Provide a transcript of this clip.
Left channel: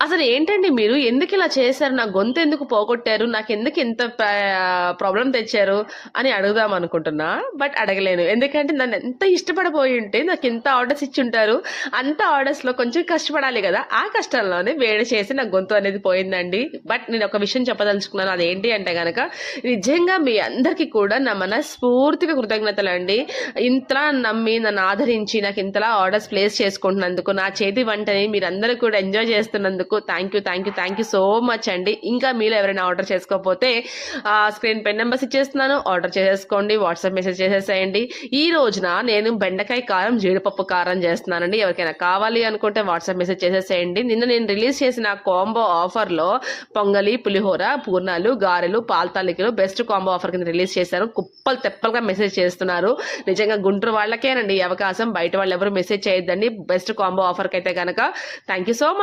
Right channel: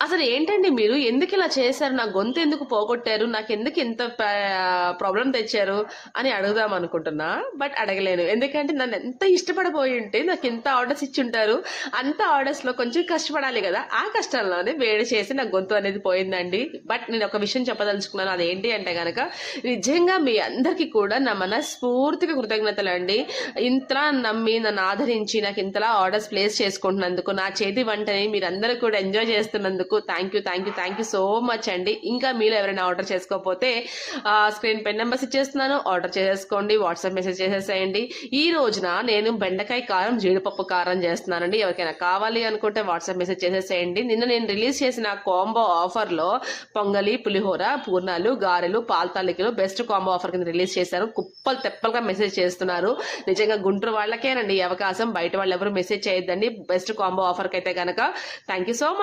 అసలు ఏంటండి మీరు? ఎందుకిలా చేశారు? నా గొంతెందుకు పోగొట్టారు? నాకెందుకు ఇంత ప్రాబ్లమ్ తెచ్చారు? అని అడుగుదామనుకుంటున్నా. బట్ అడగలేను. ఎందుకంటే నన్నెంత ఇష్టపడబోయుంటే నాకింత ఆర్డర్స్ ఇచ్చుంటారు. అంత ఆర్డర్స్‌లో కొంచెం కష్టపడాలి గదా! ఆ కష్టంలోనే వేడి చేసి నా గొంతు అనేది పోయిందండి. బట్ నేనొక విషయం చెప్పదలుచుకున్నాను. అదేంటి అంటే గనక నిజంగా మీ అందరికీ కూడా నా మనస్ఫూర్తిగా కృతజ్ఞతలండి. ఇంతలా నమ్మి నన్ను ఆదరించి నాకింతలా ఆర్డర్స్ ప్లేస్ చేసుకుంటున్నందుకు, నా చేతి వంటని మీరందరూ కూడా ఎంజాయ్ చేస్తున్నందుకు థ్యాంక్ యూ సో మచ్ అండి. ఇంకా మీలో ఎవరైనా ఆర్డర్ చేసుకోకపోతే స్క్రీన్ పై నెంబర్స్ ఇచ్చేస్తున్నాను. ఆర్డర్ చేసేసుకోండి. వాట్సాప్ మెసేజ్ చేసేసేయండి. ఈ రోజున నేను బెండకాయ కారం, జీడిపప్పు కారం చేస్తున్నానండి. ఎవరికైనా కావాలి అనుకుంటే వాట్సాప్ మెసేజ్ చేసేసేయండి. నిన్న నేను రిలీజ్ చేసిన కాంబో ఆఫర్‌లో పొంగలి, పులిహోర, పూర్ణాలు, గారెలు, పాలు తాలికలు బెస్ట్ కాంబో ఆఫర్ కింద రిలీజ్ చేశారు. కుప్పలు తెప్పలుగా మెసేజ్ చేస్తున్నారు. నిజంగా గుంటూరు వాళ్ళకేనండి ఈ అవకాశం. బయట వాళ్ళు ఎవరు మెసేజ్ చేయొద్దండి. బెస్ట్ కాంబో ఆఫర్ కైతే గనక థ్యాంక్ యూ సో మచ్.